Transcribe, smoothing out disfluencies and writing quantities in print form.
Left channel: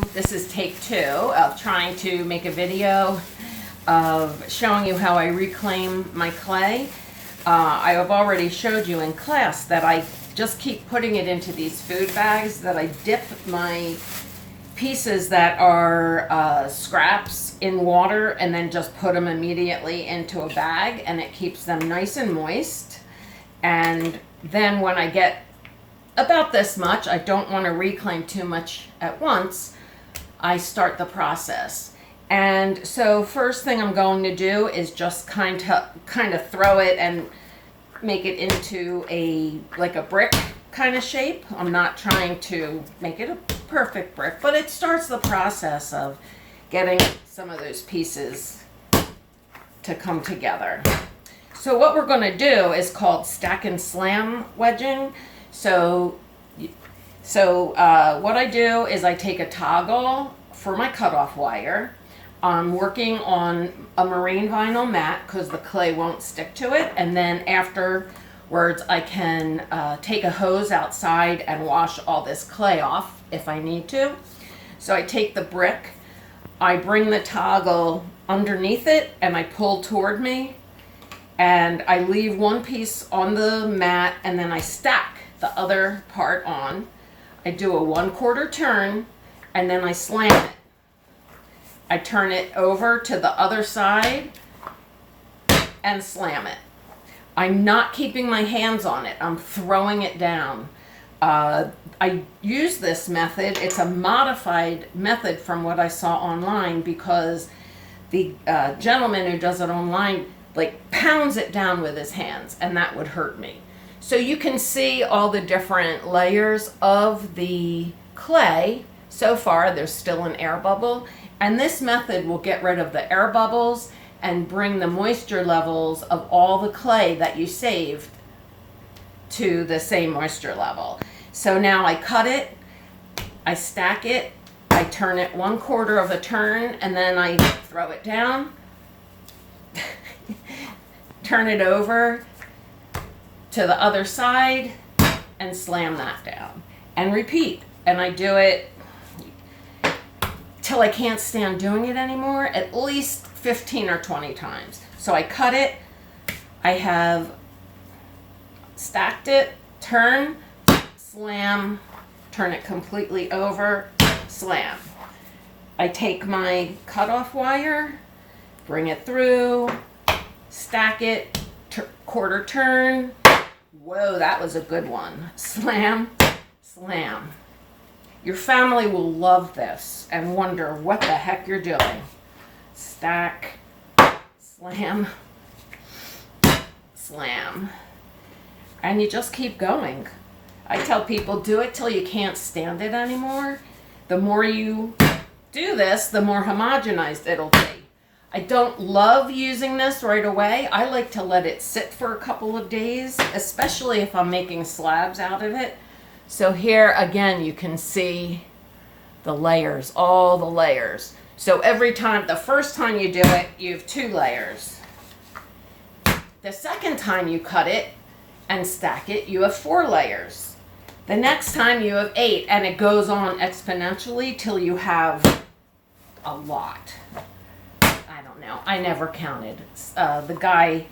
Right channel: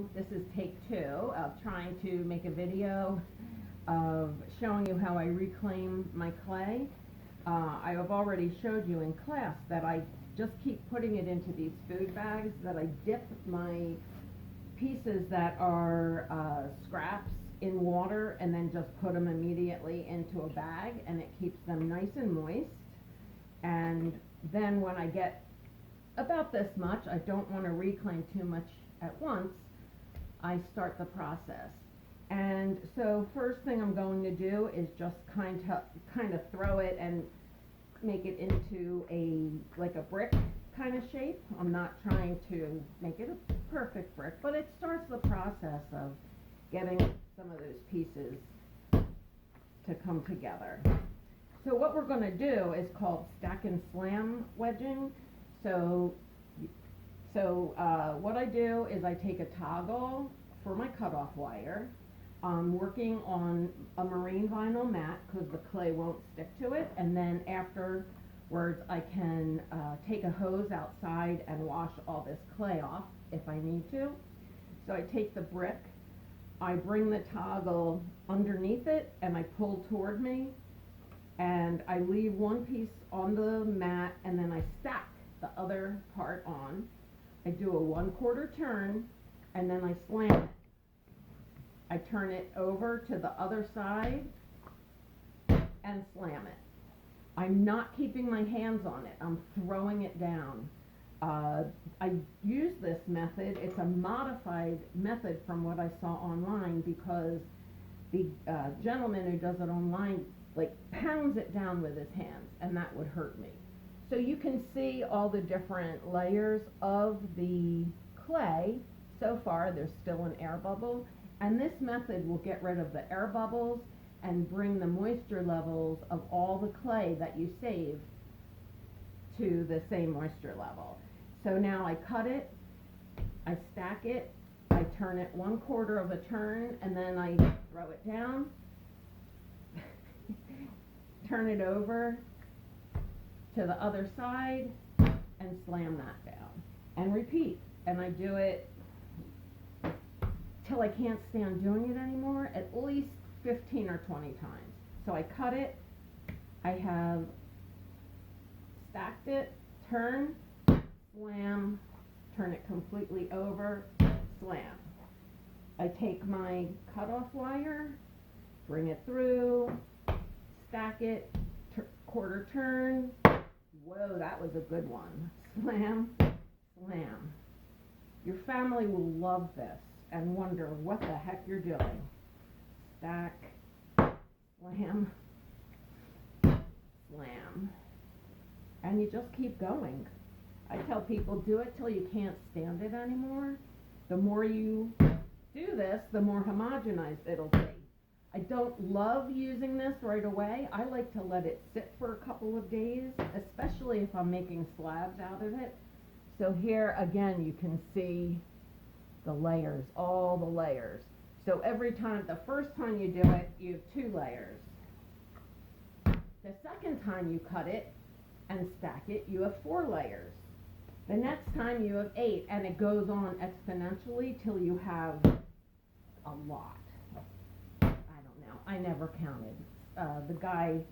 This is take 2 of trying to make a video of showing you how I reclaim my clay. I have already showed you in class that I just keep putting it into these food bags, that I dip my pieces that are scraps in water and then just put them immediately into a bag, and it keeps them nice and moist. And then when I get about this much, I don't want to reclaim too much at once, I start the process. And so first thing I'm going to do is just kind of throw it and make it into like a brick kind of shape. I'm not trying to make it a perfect brick, but it starts the process of getting some of those pieces to come together. So what we're going to do is called stack and slam wedging. So what I do is I take a toggle for my cutoff wire. I'm working on a marine vinyl mat because the clay won't stick to it, and then afterwards I can take a hose outside and wash all this clay off if I need to. So I take the brick, I bring the toggle underneath it and I pull toward me, and I leave one piece on the mat and then I stack the other part on. I do a 1/4 turn and then I slam it. I turn it over to the other side and slam it. I'm not keeping my hands on it. I'm throwing it down. I use this method. It's a modified method from what I saw online because the gentleman who does it online pounds it down with his hands, and that would hurt me. So you can see all the different layers of the clay. So far, there's still an air bubble, and this method will get rid of the air bubbles and bring the moisture levels of all the clay that you saved to the same moisture level. So now I cut it, I stack it, I turn it 1/4 of a turn, and then I throw it down, turn it over to the other side and slam that down and repeat. And I do it till I can't stand doing it anymore, at least 15 or 20 times. So I cut it, I have stacked it, turn, slam, turn it completely over, slam. I take my cutoff wire, bring it through, stack it, 1/4 turn. Whoa, that was a good one. Slam, slam. Your family will love this and wonder what the heck you're doing. Stack, slam, slam. And you just keep going. I tell people, do it till you can't stand it anymore. The more you do this, the more homogenized it'll be. I don't love using this right away. I like to let it sit for a couple of days, especially if I'm making slabs out of it. So here again, you can see the layers, all the layers. So every time, the first time you do it, you have 2 layers. The second time you cut it and stack it, you have 4 layers. The next time you have 8, and it goes on exponentially till you have a lot. I never counted. The guy